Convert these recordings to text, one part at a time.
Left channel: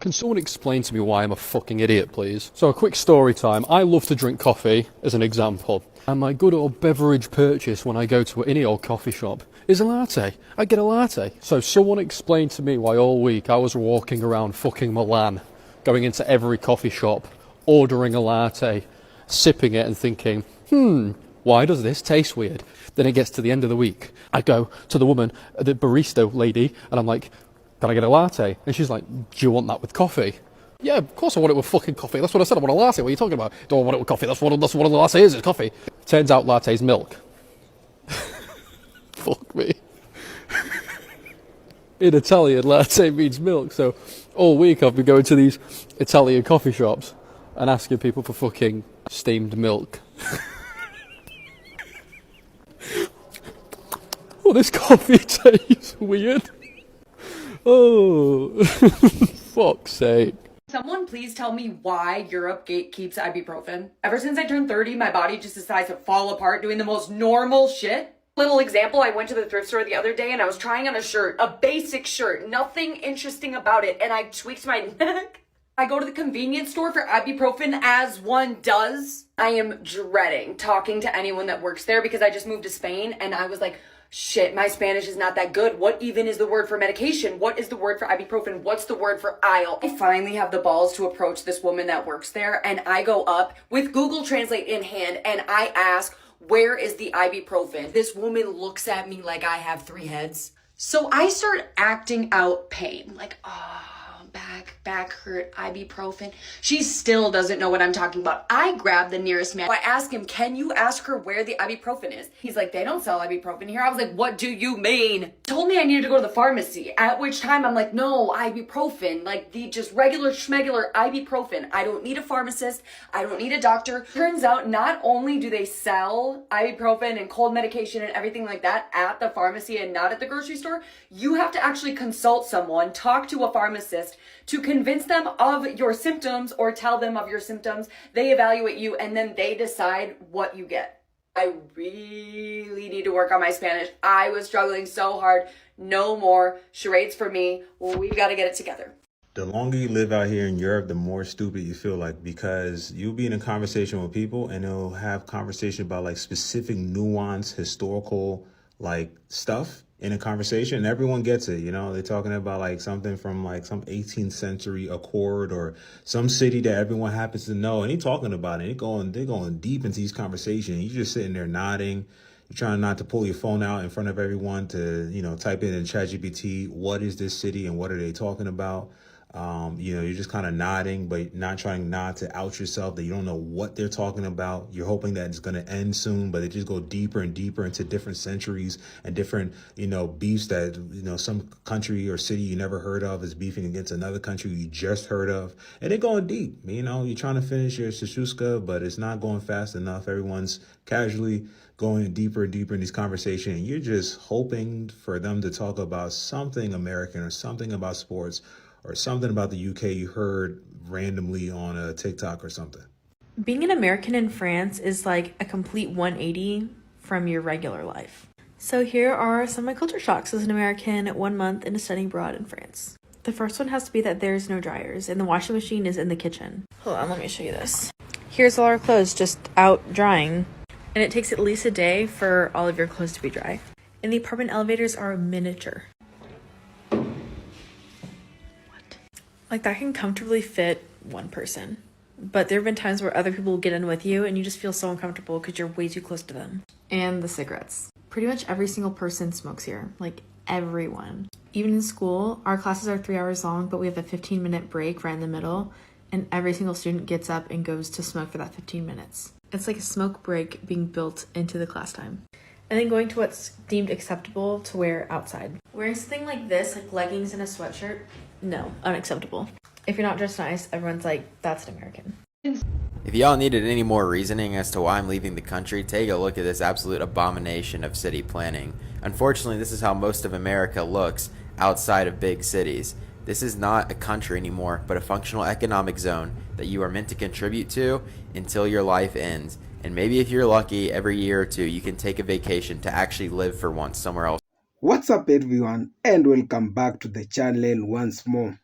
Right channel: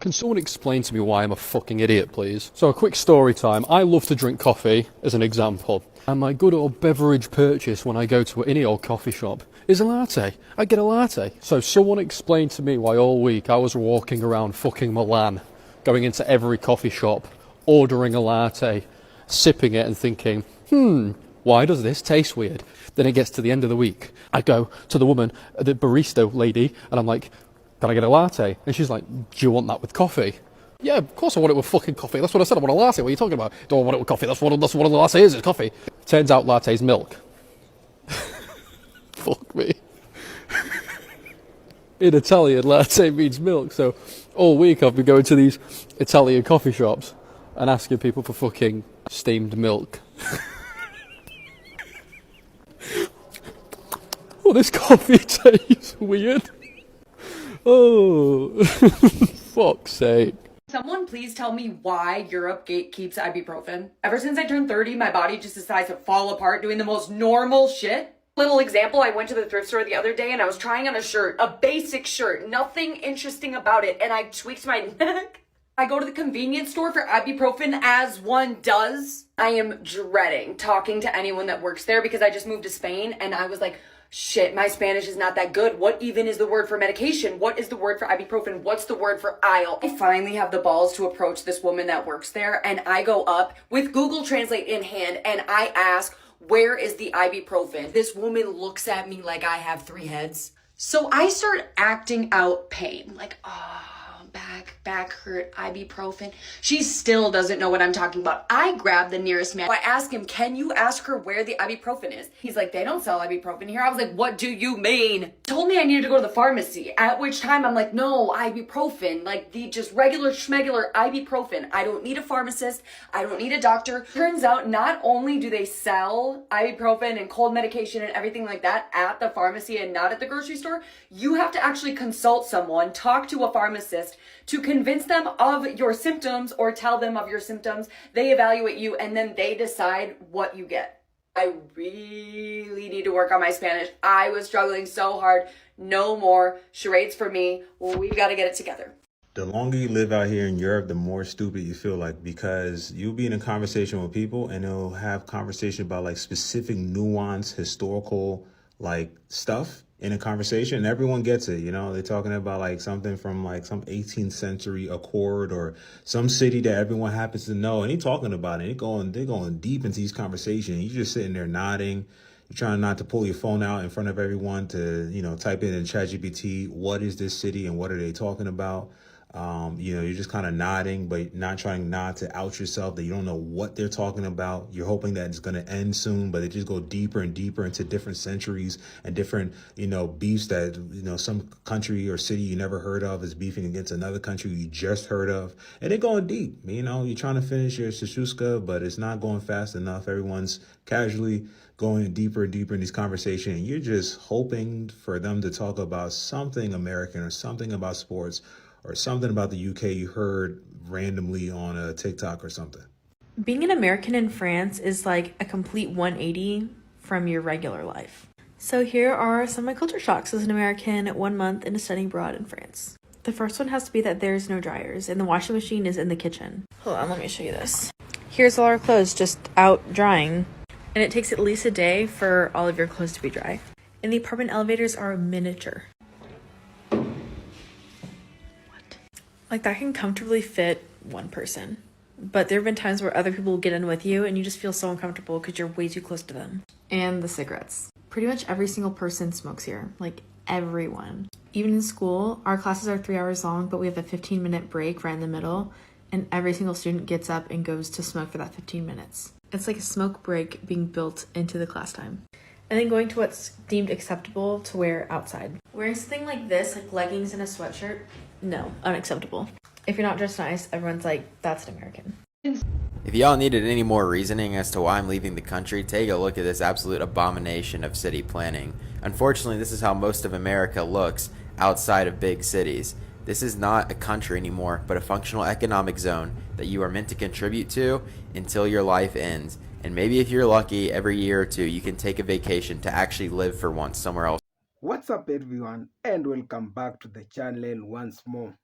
Can someone explain to me why I'm a fucking idiot, please? So, a quick story time. I love to drink coffee, as an example. And my good old beverage purchase when I go to any old coffee shop is a latte. I get a latte. So, someone explain to me why all week I was walking around fucking Milan, going into every coffee shop, ordering a latte, sipping it and thinking, why does this taste weird? Then it gets to the end of the week. I go to the woman, the barista lady, and I'm like, can I get a latte? And she's like, do you want that with coffee? Yeah, of course I want it with fucking coffee. That's what I said. I want a latte. What are you talking about? Don't want it with coffee. That's what a latte is. It's coffee. Turns out latte's milk. Fuck me. In Italian, latte means milk. So all week I've been going to these Italian coffee shops and asking people for fucking steamed milk. Oh, this coffee tastes weird. Oh, fuck's sake. Someone please tell me why Europe gatekeeps ibuprofen. Ever since I turned 30, my body just decides to fall apart doing the most normal shit. Little example, I went to the thrift store the other day and I was trying on a shirt, a basic shirt, nothing interesting about it, and I tweaked my neck. I go to the convenience store for ibuprofen as one does. I am dreading talking to anyone that works there because I just moved to Spain and I was like, shit, my Spanish is not that good. What even is the word for medication? What is the word for ibuprofen? What's the word for aisle? I finally have the balls to approach this woman that works there, and I go up with Google Translate in hand and I ask, where is the ibuprofen? This woman looks at me like I have 3 heads. So I start acting out pain, like, back hurt, ibuprofen. She still doesn't know what I'm talking about. I grab the nearest man. I ask him, can you ask her where the ibuprofen is? He's like, they don't sell ibuprofen here. I was like, what do you mean? Told me I needed to go to the pharmacy, at which time I'm like, no, ibuprofen, like the just regular schmegular ibuprofen. I don't need a pharmacist. I don't need a doctor. Turns out not only do they sell ibuprofen and cold medication and everything like that at the pharmacy and not at the grocery store, you have to actually consult someone, talk to a pharmacist to convince them of your symptoms or tell them of your symptoms. They evaluate you and then they decide what you get. I really need to work on my Spanish. I was struggling so hard. No more charades for me. We've got to get it together. The longer you live out here in Europe, the more stupid you feel like, because you'll be in a conversation with people and they'll have conversation about like specific nuance, historical like stuff in a conversation, and everyone gets it. You know, they're talking about like something from like some 18th century accord or some city that everyone happens to know, and they're talking about it. They're going deep into these conversations. You're just sitting there nodding. You're trying not to pull your phone out in front of everyone to, you know, type in ChatGPT, what is this city and what are they talking about? You know, you're just kind of nodding, but not trying not to out yourself that you don't know what they're talking about. You're hoping that it's going to end soon, but they just go deeper and deeper into different centuries and different, you know, beefs that, you know, some country or city you never heard of is beefing against another country you just heard of. And they're going deep. You know, you're trying to finish your shashuska, but it's not going fast enough. Everyone's casually going deeper and deeper in these conversations. And you're just hoping for them to talk about something American or something about sports or something about the UK you heard randomly on a TikTok or something. Being an American in France is like a complete 180 from your regular life. So here are some of my culture shocks as an American 1 month into studying abroad in France. The first one has to be that there's no dryers and the washing machine is in the kitchen. Hold on, let me show you this. Here's all our clothes just out drying. And it takes at least a day for all of your clothes to be dry. And the apartment elevators are miniature. Like, that can comfortably fit one person. But there have been times where other people will get in with you and you just feel so uncomfortable because you're way too close to them. And the cigarettes. Pretty much every single person smokes here. Like, everyone. Even in school, our classes are 3 hours long, but we have a 15-minute break right in the middle. And every single student gets up and goes to smoke for that 15 minutes. It's like a smoke break being built into the class time. And then going to what's deemed acceptable to wear outside. Wearing something like this, like leggings and a sweatshirt, no, unacceptable. If you're not dressed nice, everyone's like, that's an American. If y'all needed any more reasoning as to why I'm leaving the country, take a look at this absolute abomination of city planning. Unfortunately, this is how most of America looks outside of big cities. This is not a country anymore, but a functional economic zone that you are meant to contribute to until your life ends. And maybe if you're lucky, every year or two, you can take a vacation to actually live for once somewhere else. What's up everyone, and welcome back to the channel once more.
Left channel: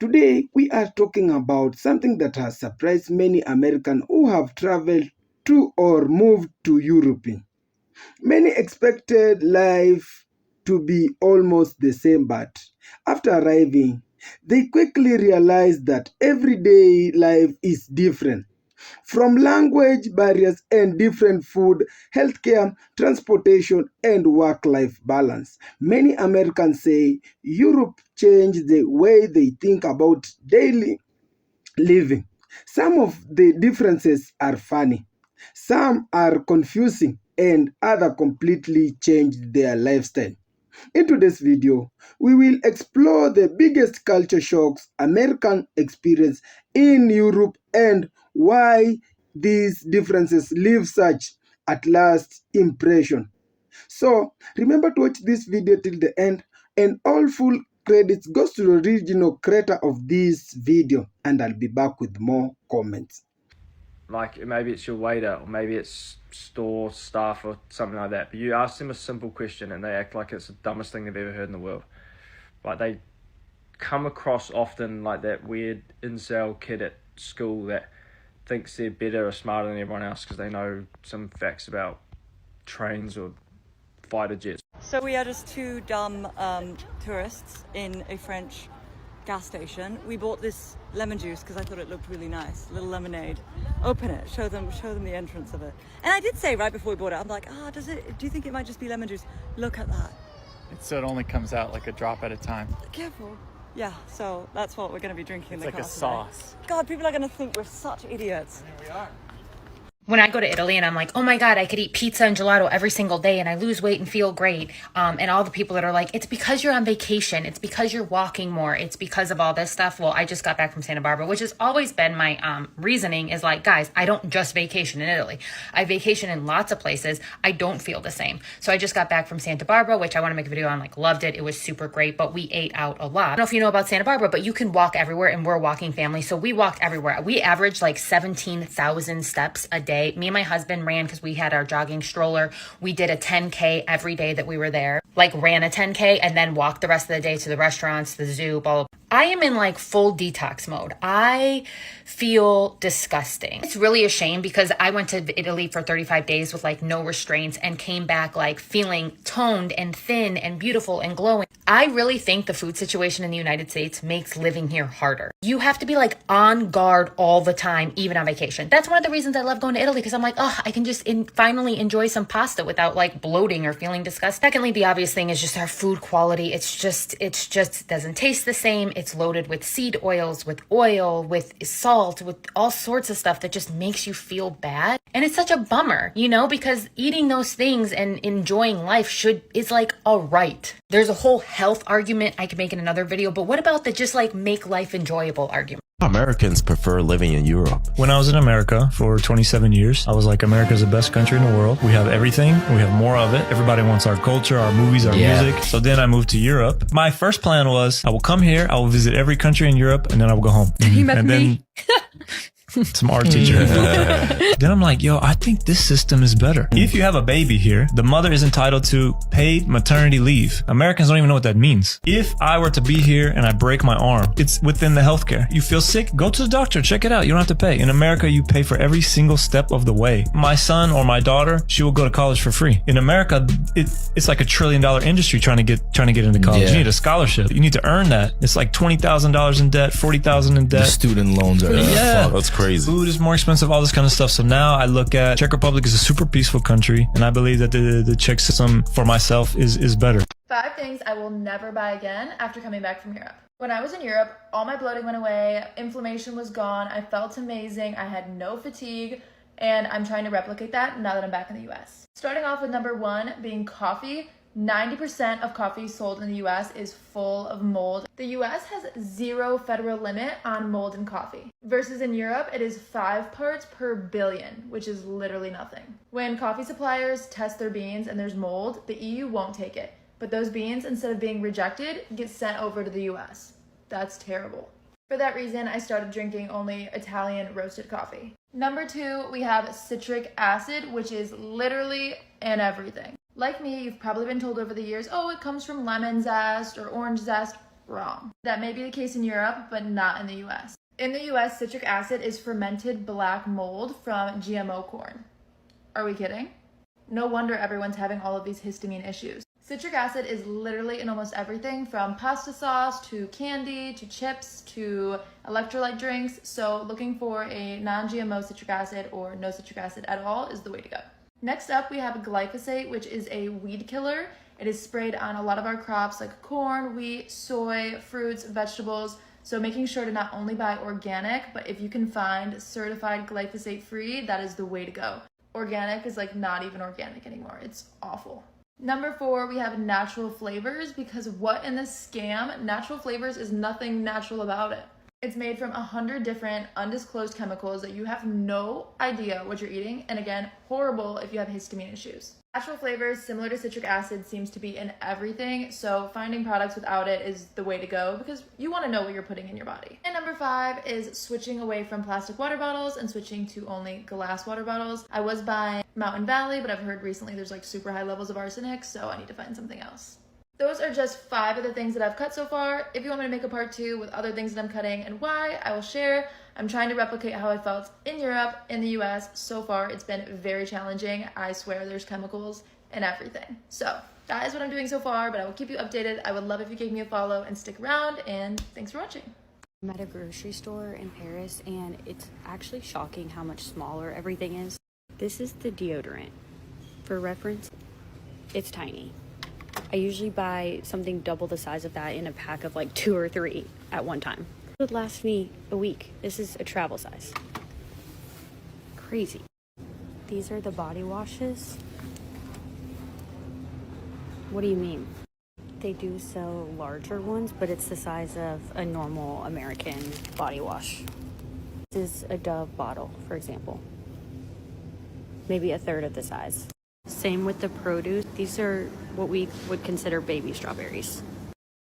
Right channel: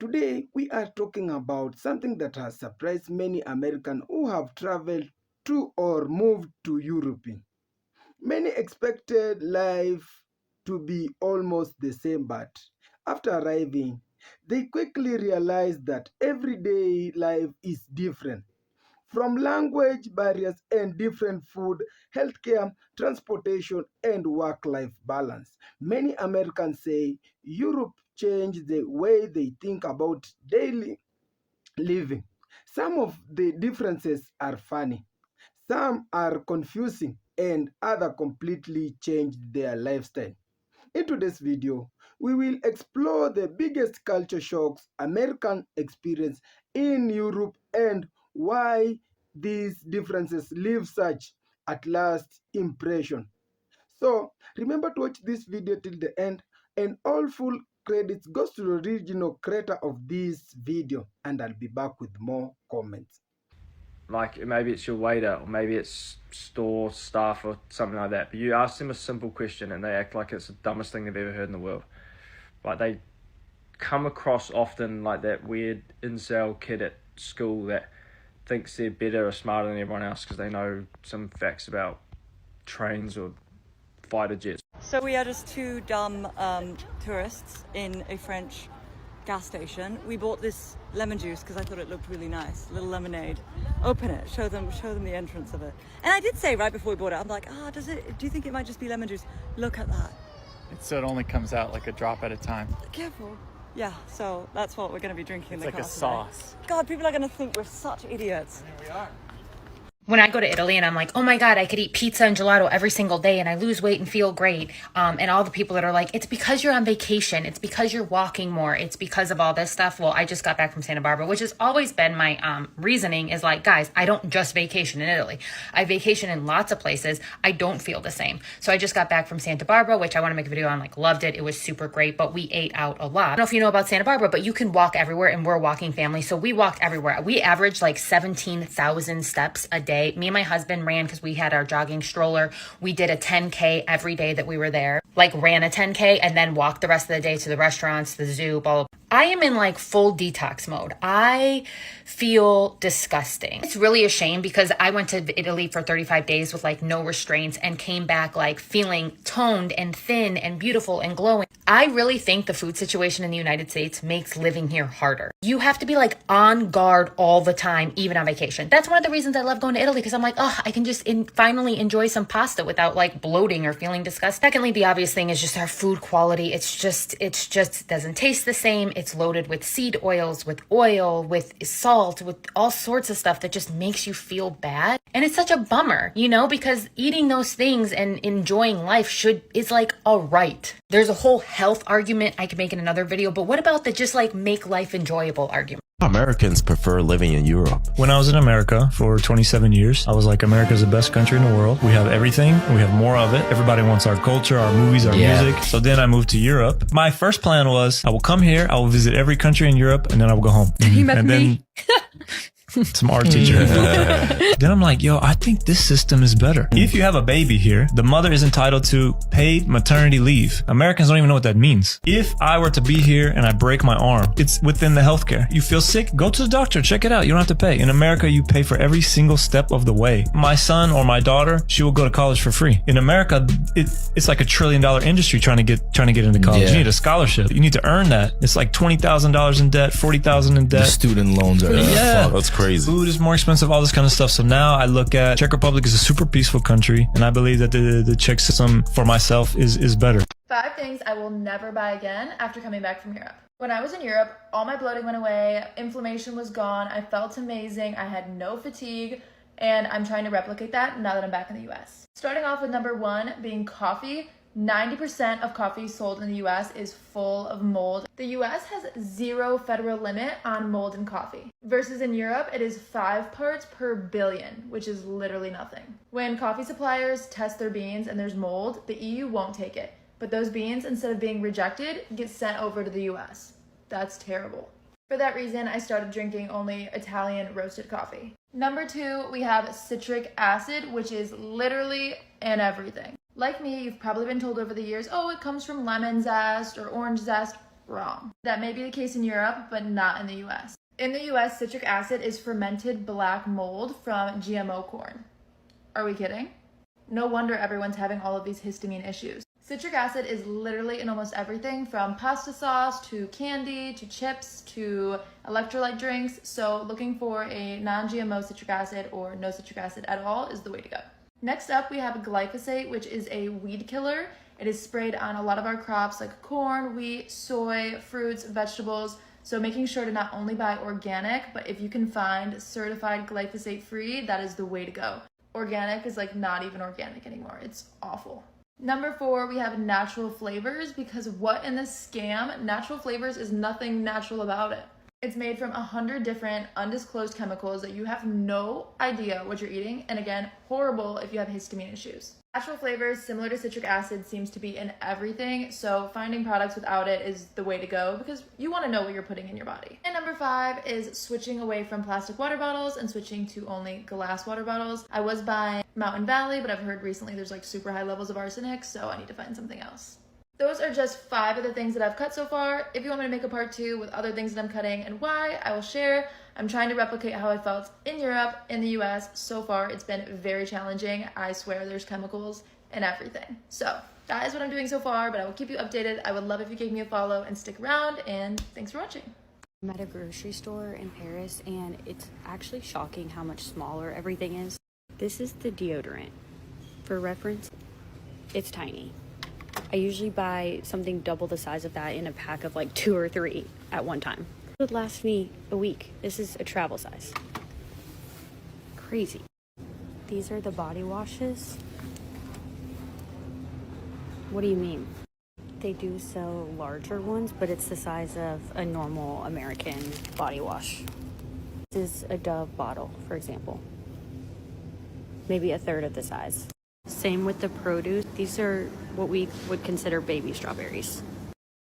Today, we are talking about something that has surprised many Americans who have traveled to or moved to Europe. Many expected life to be almost the same, but after arriving, they quickly realized that everyday life is different. From language barriers and different food, healthcare, transportation, and work life balance, many Americans say Europe changed the way they think about daily living. Some of the differences are funny, some are confusing, and other completely changed their lifestyle. In today's video, we will explore the biggest culture shocks Americans experience in Europe and why these differences leave such at last impression. So remember to watch this video till the end, and all full credits goes to the original creator of this video, and I'll be back with more comments. Like maybe it's your waiter or maybe it's store staff or something like that, but you ask them a simple question and they act like it's the dumbest thing they've ever heard in the world. Like they come across often like that weird incel kid at school that thinks they're better or smarter than everyone else because they know some facts about trains or fighter jets. So we are just two dumb tourists in a French gas station. We bought this lemon juice because I thought it looked really nice. Little lemonade. Open it. Show them the entrance of it. And I did say right before we bought it, I'm like, do you think it might just be lemon juice? Look at that. So it only comes out like a drop at a time. Careful. Yeah, so that's what we're going to be drinking in the car It's today. like a sauce. God, people are going to think we're such idiots. Here we are. When I go to Italy and I'm like, oh my God, I could eat pizza and gelato every single day and I lose weight and feel great. And all the people that are like, it's because you're on vacation. It's because you're walking more. It's because of all this stuff. Well, I just got back from Santa Barbara, which has always been my reasoning is like, guys, I don't just vacation in Italy. I vacation in lots of places. I don't feel the same. So I just got back from Santa Barbara, which I want to make a video on, like loved it. It was super great, but we ate out a lot. I don't know if you know about Santa Barbara, but you can walk everywhere and we're a walking family. So we walked everywhere. We averaged like 17,000 steps a day. Me and my husband ran because we had our jogging stroller. We did a 10K every day that we were there, like ran a 10K and then walked the rest of the day to the restaurants, the zoo, blah, blah. I am in like full detox mode. I feel disgusting. It's really a shame because I went to Italy for 35 days with like no restraints and came back like feeling toned and thin and beautiful and glowing. I really think the food situation in the United States makes living here harder. You have to be like on guard all the time, even on vacation. That's one of the reasons I love going to Italy because I'm like, oh, I can just finally enjoy some pasta without like bloating or feeling disgusting. Secondly, the obvious thing is just our food quality. It's just it doesn't taste the same. It's loaded with seed oils, with oil, with salt, with all sorts of stuff that just makes you feel bad. And it's such a bummer, you know, because eating those things and enjoying life is like a right. There's a whole health argument I could make in another video, but what about the just like make life enjoyable argument? Americans prefer living in Europe. When I was in America for 27 years, I was like, America's the best country in the world. We have everything. We have more of it. Everybody wants our culture, our movies, our music. So then I moved to Europe. My first plan was I will come here, I will visit every country in Europe, and then I will go home. You met me? Some art teacher. Then I'm like, yo, I think this system is better. If you have a baby here, the mother is entitled to paid maternity leave. Americans don't even know what that means. If I were to be here and I break my arm, it's within the healthcare. You feel sick? Go to the doctor, check it out. You don't have to pay. In America, you pay for every single step of the way. My son or my daughter, she will go to college for free. In America, it's like $1 trillion industry trying to get into college. You need a scholarship. You need to earn that. It's like $20,000 in debt, $40,000 in debt. The student loans are that's crazy. Food is more expensive, all this kind of stuff. So now I look at Czech Republic is a super peaceful country, and I believe that the Czech system for myself is better. 5 things I will never buy again after coming back from Europe. When I was in Europe, all my bloating went away, inflammation was gone, I felt amazing, I had no fatigue, and I'm trying to replicate that now that I'm back in the US. Starting off with number 1 being coffee. 90% of coffee sold in the US is full of mold. The US has 0 federal limit on mold in coffee. Versus in Europe, it is 5 parts per billion, which is literally nothing. When coffee suppliers test their beans and there's mold, the EU won't take it. But those beans, instead of being rejected, get sent over to the US. That's terrible. For that reason, I started drinking only Italian roasted coffee. Number 2, we have citric acid, which is literally in everything. Like me, you've probably been told over the years, oh, it comes from lemon zest or orange zest. wrong. That may be the case in Europe, but not in the US. In the US, citric acid is fermented black mold from GMO corn. Are we kidding? No wonder everyone's having all of these histamine issues. Citric acid is literally in almost everything from pasta sauce to candy to chips to electrolyte drinks. So looking for a non-GMO citric acid or no citric acid at all is the way to go. Next up, we have glyphosate, which is a weed killer. It is sprayed on a lot of our crops like corn, wheat, soy, fruits, vegetables. So making sure to not only buy organic, but if you can find certified glyphosate free, that is the way to go. Organic is like not even organic anymore. It's awful. Number 4, we have natural flavors, because what in this scam? Natural flavors is nothing natural about it. It's made from 100 different undisclosed chemicals that you have no idea what you're eating. And again, horrible if you have histamine issues. Natural flavors, similar to citric acid, seems to be in everything. So finding products without it is the way to go because you want to know what you're putting in your body. And number 5 is switching away from plastic water bottles and switching to only glass water bottles. I was buying Mountain Valley, but I've heard recently there's like super high levels of arsenic, so I need to find something else. Those are just 5 of the things that I've cut so far. If you want me to make a part 2 with other things that I'm cutting and why, I will share. I'm trying to replicate how I felt in Europe, in the US. So far, it's been very challenging. I swear there's chemicals and everything. So that is what I'm doing so far, but I will keep you updated. I would love if you gave me a follow and stick around, and thanks for watching. I'm at a grocery store in Paris, and it's actually shocking how much smaller everything is. This is the deodorant. For reference, it's tiny. I usually buy something double the size of that in a pack of like 2 or 3 at one time. It would last me a week. This is a travel size. Crazy. These are the body washes. What do you mean? They do sell larger ones, but it's the size of a normal American body wash. This is a Dove bottle, for example. Maybe a third of the size. Same with the produce. These are what we would consider baby strawberries.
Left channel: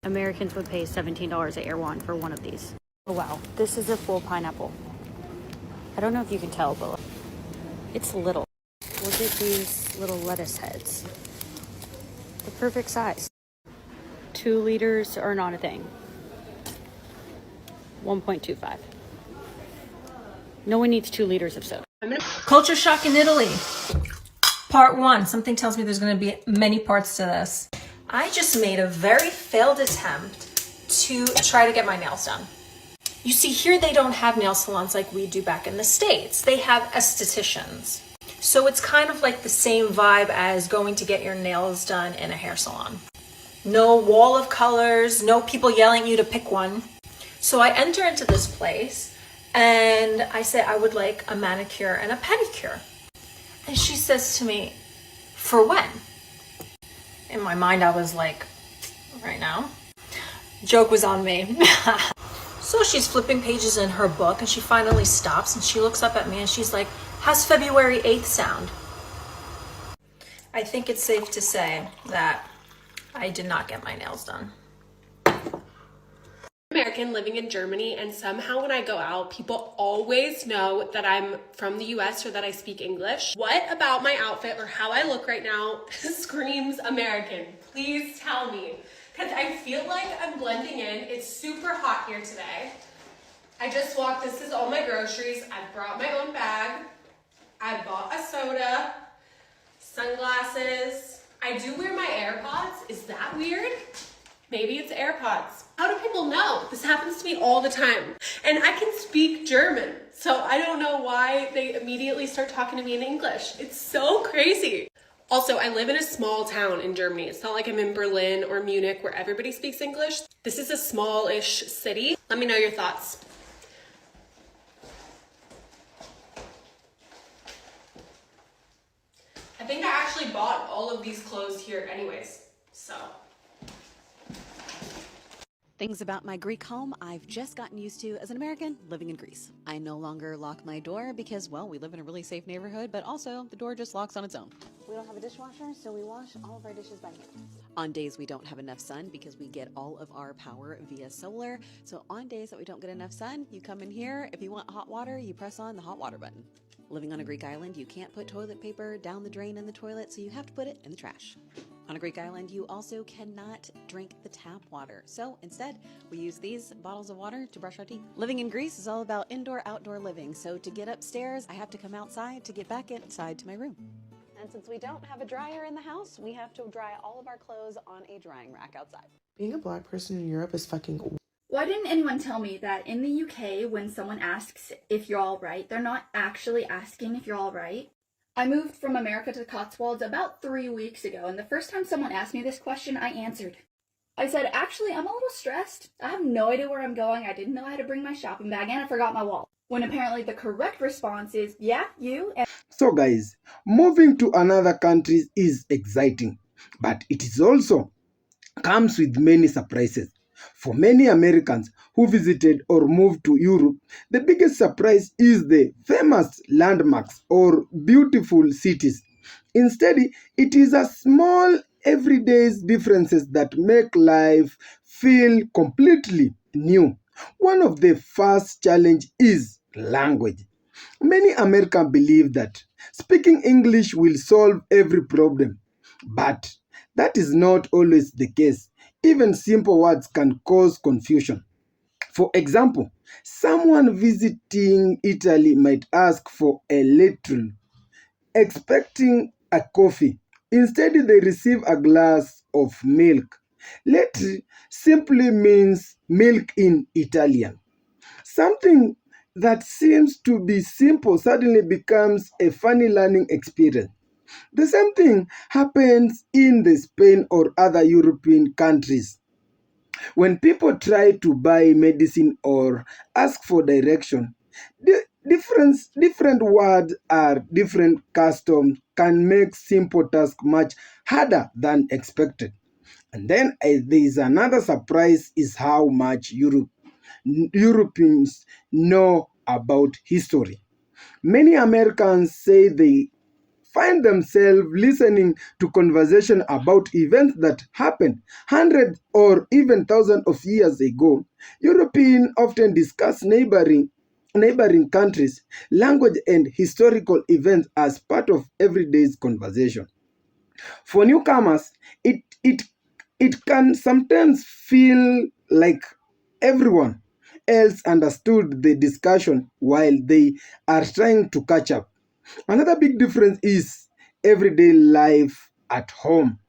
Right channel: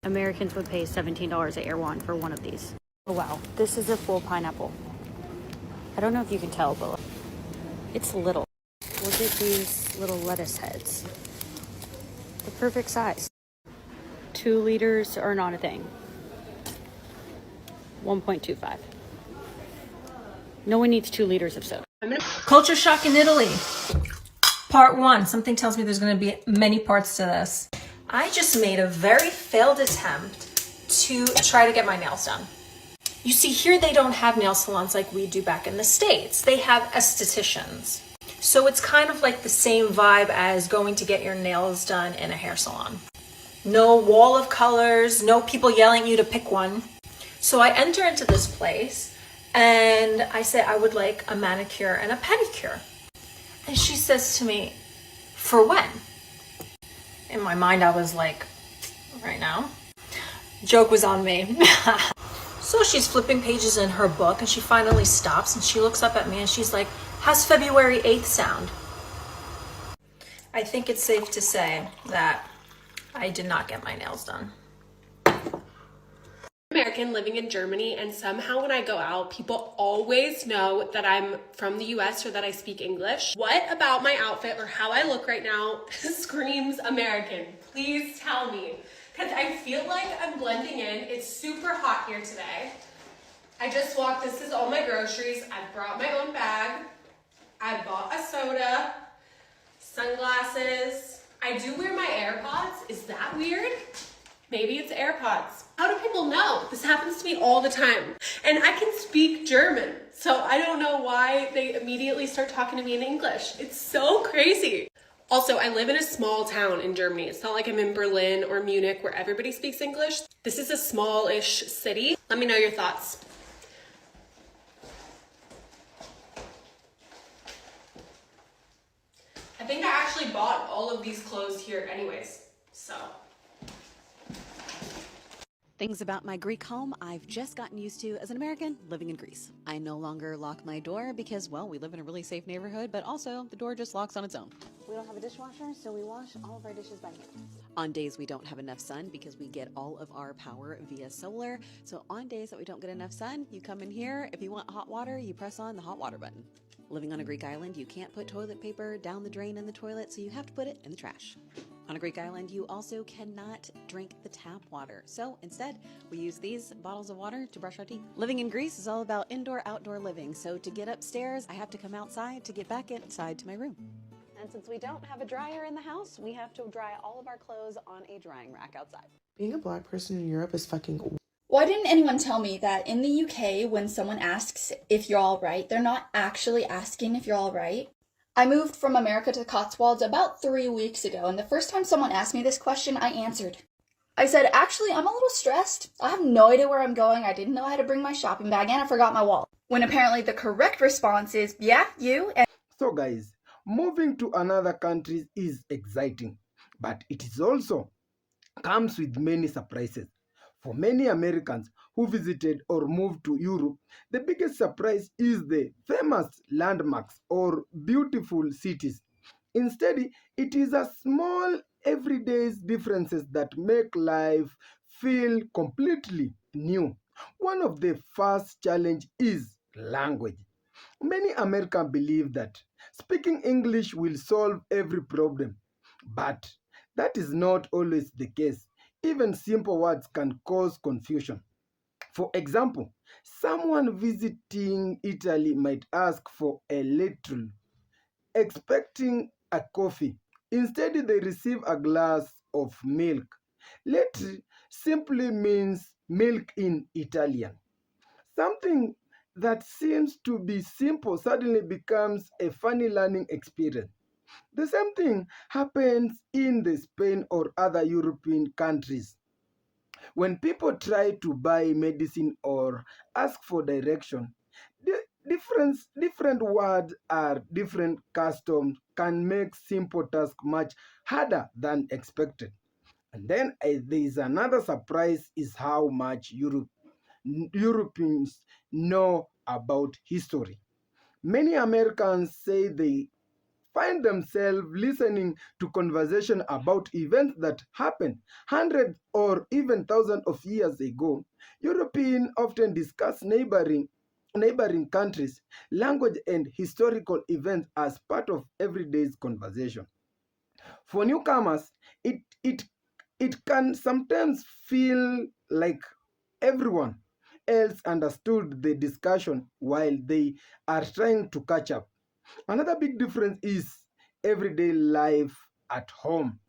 Americans would pay $17 at Erewhon for one of these. Oh wow, this is a full pineapple. I don't know if you can tell, but it's little. Look at these little lettuce heads. The perfect size. 2 liters are not a thing. 1.25. No one needs 2 liters of soap. Culture shock in Italy. Part 1. Something tells me there's going to be many parts to this. I just made a very failed attempt to try to get my nails done. You see, here they don't have nail salons like we do back in the States. They have estheticians. So it's kind of like the same vibe as going to get your nails done in a hair salon. No wall of colors, no people yelling at you to pick one. So I enter into this place and I say I would like a manicure and a pedicure. And she says to me, for when? In my mind, I was like, right now. Joke was on me. So she's flipping pages in her book and she finally stops and she looks up at me and she's like, how's February 8th sound? I think it's safe to say that I did not get my nails done. American living in Germany, and somehow when I go out, people always know that I'm from the US or that I speak English. What about my outfit or how I look right now screams American? Please tell me, because I feel like I'm blending in. It's super hot here today. I just walked, this is all my groceries. I brought my own bag. I bought a soda, sunglasses. I do wear my AirPods. Is that weird? Maybe it's AirPods. How do people know? This happens to me all the time. And I can speak German, so I don't know why they immediately start talking to me in English. It's so crazy. Also, I live in a small town in Germany. It's not like I'm in Berlin or Munich where everybody speaks English. This is a small-ish city. Let me know your thoughts. I think I actually bought all of these clothes here anyways, so. Things about my Greek home I've just gotten used to as an American living in Greece. I no longer lock my door because, well, we live in a really safe neighborhood, but also the door just locks on its own. We don't have a dishwasher, so we wash all of our dishes by hand. On days we don't have enough sun, because we get all of our power via solar, so on days that we don't get enough sun, you come in here. If you want hot water, you press on the hot water button. Living on a Greek island, you can't put toilet paper down the drain in the toilet, so you have to put it in the trash. On a Greek island, you also cannot drink the tap water. So instead, we use these bottles of water to brush our teeth. Living in Greece is all about indoor-outdoor living. So to get upstairs, I have to come outside to get back inside to my room. And since we don't have a dryer in the house, we have to dry all of our clothes on a drying rack outside. Being a black person in Europe is fucking. Why didn't anyone tell me that in the UK, when someone asks if you're all right, they're not actually asking if you're all right? I moved from America to the Cotswolds about 3 weeks ago, and the first time someone asked me this question, I answered. I said, actually, I'm a little stressed. I have no idea where I'm going. I didn't know I had to bring my shopping bag, and I forgot my wallet. When apparently the correct response is, yeah, you. And So guys, moving to another country is exciting, but it is also comes with many surprises. For many Americans who visited or moved to Europe, the biggest surprise is the famous landmarks or beautiful cities. Instead, it is a small everyday differences that make life feel completely new. One of the first challenge is language. Many Americans believe that speaking English will solve every problem, but that is not always the case. Even simple words can cause confusion. For example, someone visiting Italy might ask for a little, expecting a coffee. Instead, they receive a glass of milk. Little simply means milk in Italian. Something that seems to be simple suddenly becomes a funny learning experience. The same thing happens in the Spain or other European countries. When people try to buy medicine or ask for direction, the different words or different customs can make simple tasks much harder than expected. And then there is another surprise is how much Europeans know about history. Many Americans say they find themselves listening to conversation about events that happened hundreds or even thousands of years ago. Europeans often discuss neighboring countries, language, and historical events as part of everyday's conversation. For newcomers, it can sometimes feel like everyone else understood the discussion while they are trying to catch up. Another big difference is everyday life at home.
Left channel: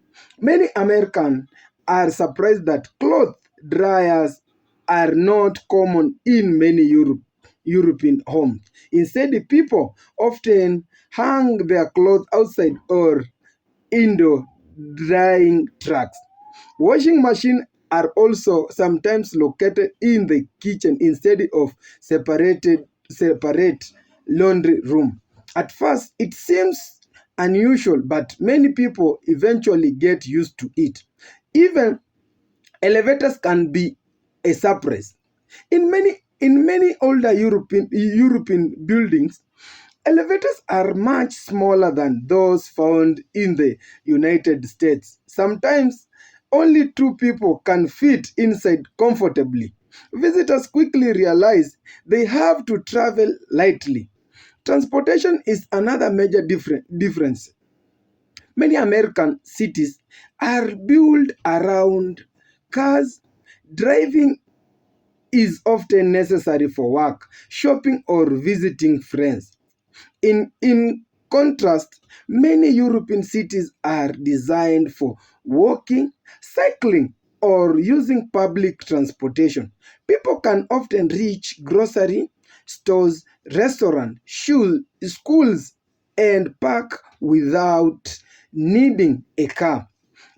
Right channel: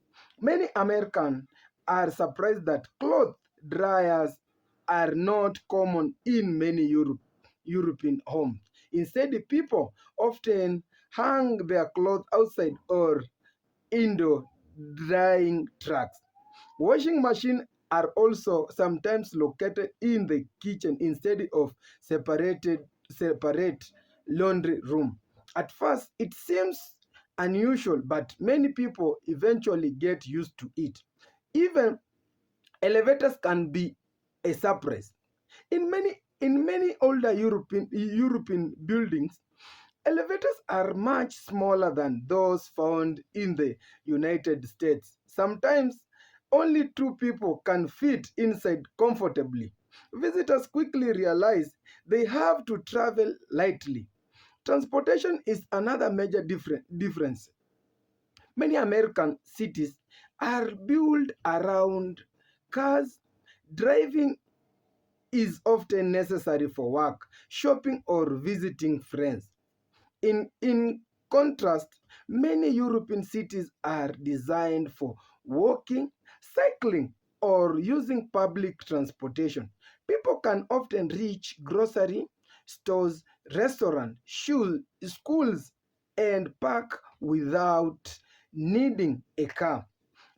Many Americans are surprised that cloth dryers are not common in many European homes. Instead, the people often hang their clothes outside or indoor drying trucks. Washing machines are also sometimes located in the kitchen instead of separate laundry room. At first, it seems unusual, but many people eventually get used to it. Even elevators can be a surprise. In many older European buildings, elevators are much smaller than those found in the United States. Sometimes only two people can fit inside comfortably. Visitors quickly realize they have to travel lightly. Transportation is another major difference. Many American cities are built around cars. Driving is often necessary for work, shopping, or visiting friends. In contrast, many European cities are designed for walking, cycling, or using public transportation. People can often reach grocery stores, restaurants, schools, and park without needing a car.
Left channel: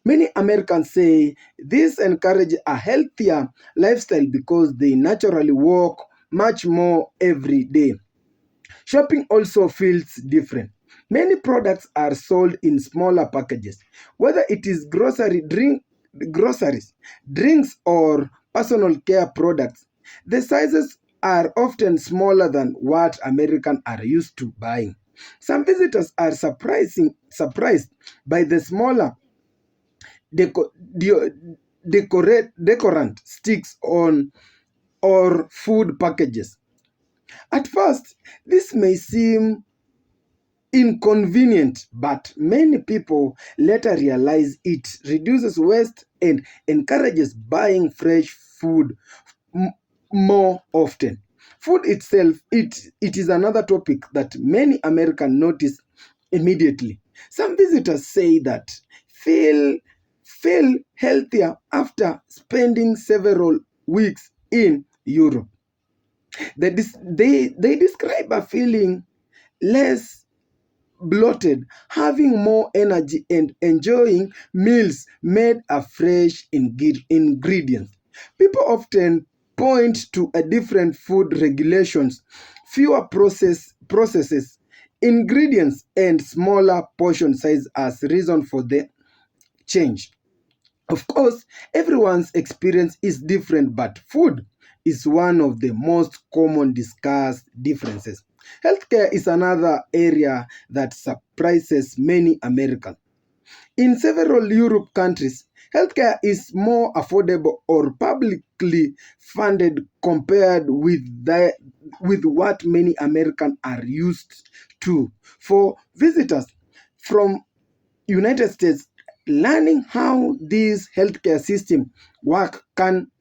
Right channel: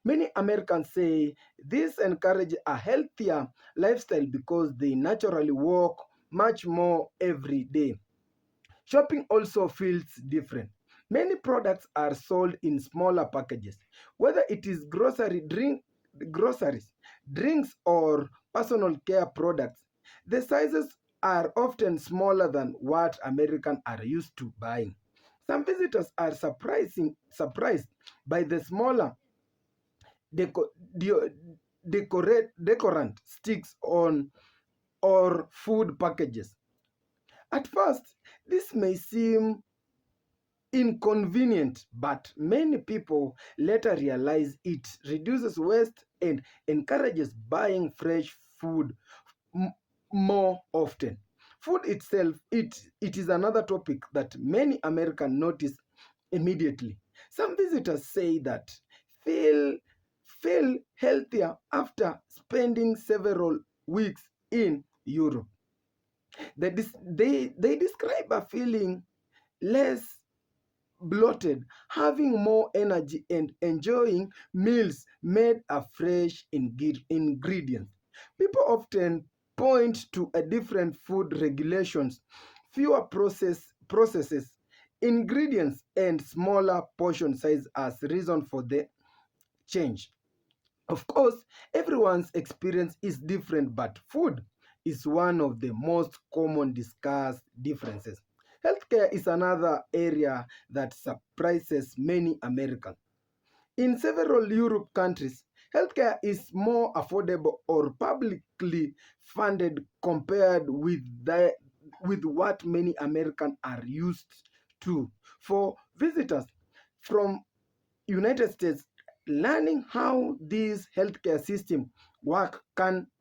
Many Americans say this encourages a healthier lifestyle because they naturally walk much more every day. Shopping also feels different. Many products are sold in smaller packages, whether it is groceries, drinks, or personal care products. The sizes are often smaller than what Americans are used to buying. Some visitors are surprised by the smaller deco- deo- decorant sticks on or food packages. At first, this may seem inconvenient, but many people later realize it reduces waste and encourages buying fresh food more often. Food itself, it is another topic that many Americans notice immediately. Some visitors say that feel feel healthier after spending several weeks in Europe. They describe a feeling less bloated, having more energy, and enjoying meals made of fresh ingredients. People often point to a different food regulations, fewer processes, ingredients, and smaller portion size as reason for the change. Of course, everyone's experience is different, but food is one of the most common discussed differences. Healthcare is another area that surprises many Americans. In several Europe countries, healthcare is more affordable or publicly funded compared with what many Americans are used to. For visitors from United States, learning how this healthcare system work can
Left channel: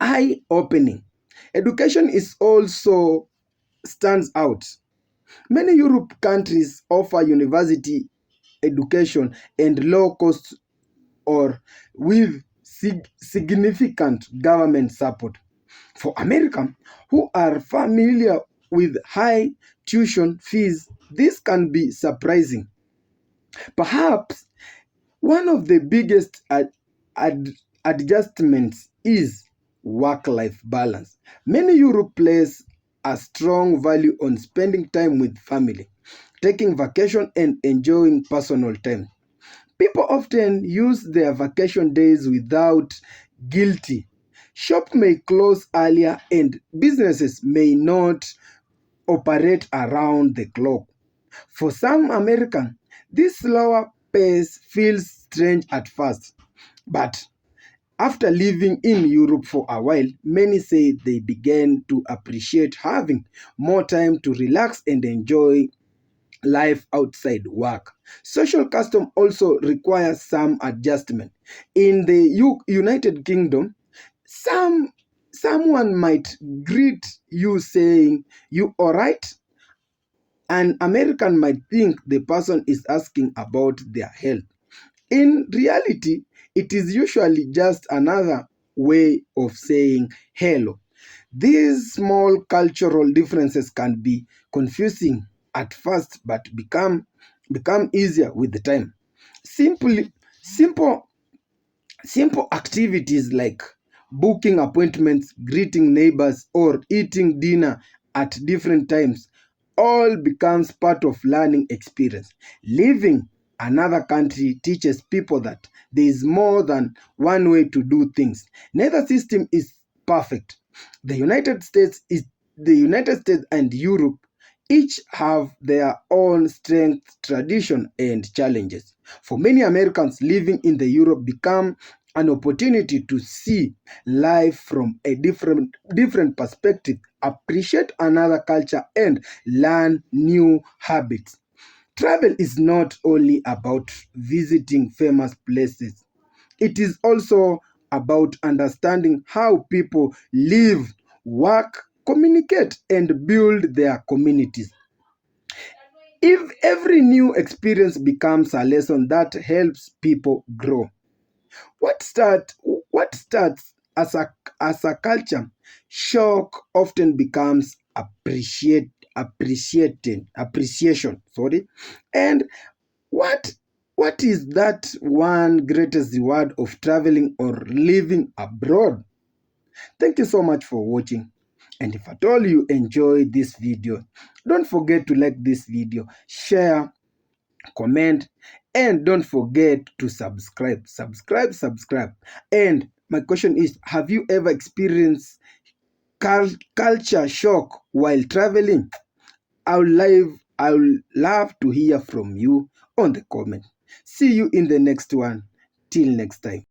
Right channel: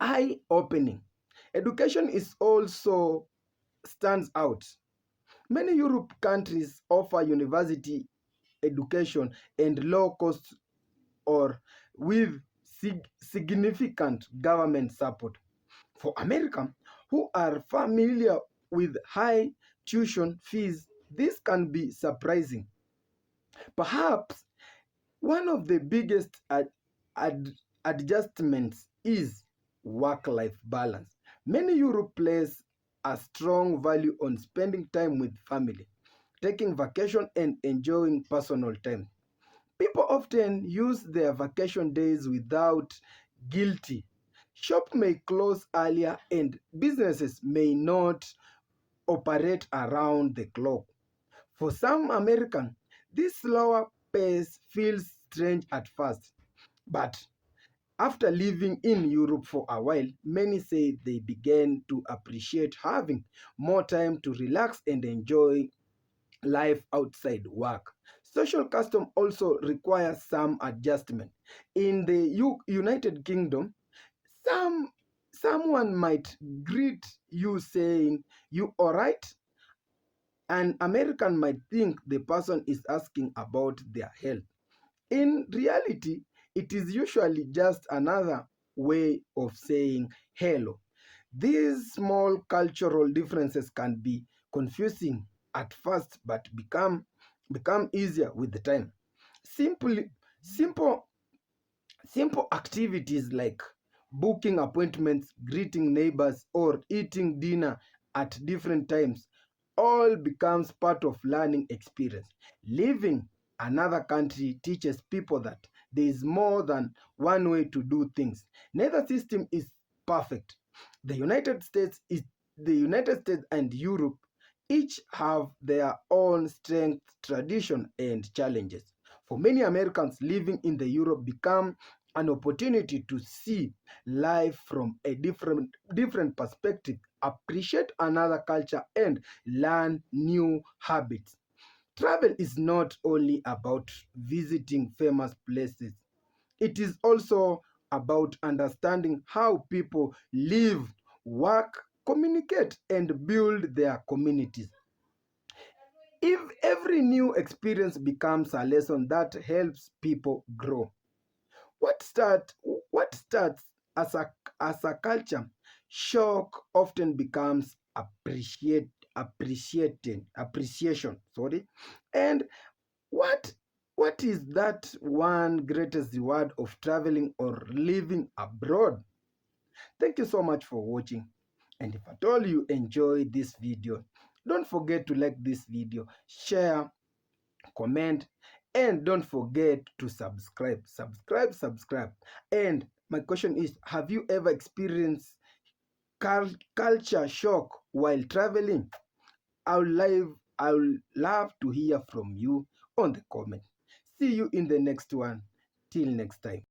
eye-opening. Education is also stands out. Many Europe countries offer university education and low cost or with significant government support. For Americans who are familiar with high tuition fees, this can be surprising. Perhaps one of the biggest adjustments is work-life balance. Many Europe place a strong value on spending time with family, taking vacation and enjoying personal time. People often use their vacation days without guilty. Shop may close earlier and businesses may not operate around the clock. For some Americans, this slower pace feels strange at first, but after living in Europe for a while, many say they began to appreciate having more time to relax and enjoy life outside work. Social custom also requires some adjustment. In the United Kingdom, someone might greet you saying, "You alright?" An American might think the person is asking about their health. In reality, it is usually just another way of saying hello. These small cultural differences can be confusing at first but become easier with the time. Simply simple Simple activities like booking appointments, greeting neighbors, or eating dinner at different times all becomes part of learning experience. Living another country teaches people that there is more than one way to do things. Neither system is perfect. The United States is the United States and Europe each have their own strengths, tradition, and challenges. For many Americans, living in the Europe become an opportunity to see life from a different perspective, appreciate another culture, and learn new habits. Travel is not only about visiting famous places, it is also about understanding how people live, work, communicate, and build their communities. If every new experience becomes a lesson that helps people grow, what starts as a culture shock often becomes appreciation. Sorry, and what what is that one greatest reward of traveling or living abroad? Thank you so much for watching. And if at all you enjoyed this video, don't forget to like this video, share, comment, and don't forget to subscribe. And my question is, have you ever experienced culture shock while traveling? I'll love to hear from you on the comment. See you in the next one. Till next time.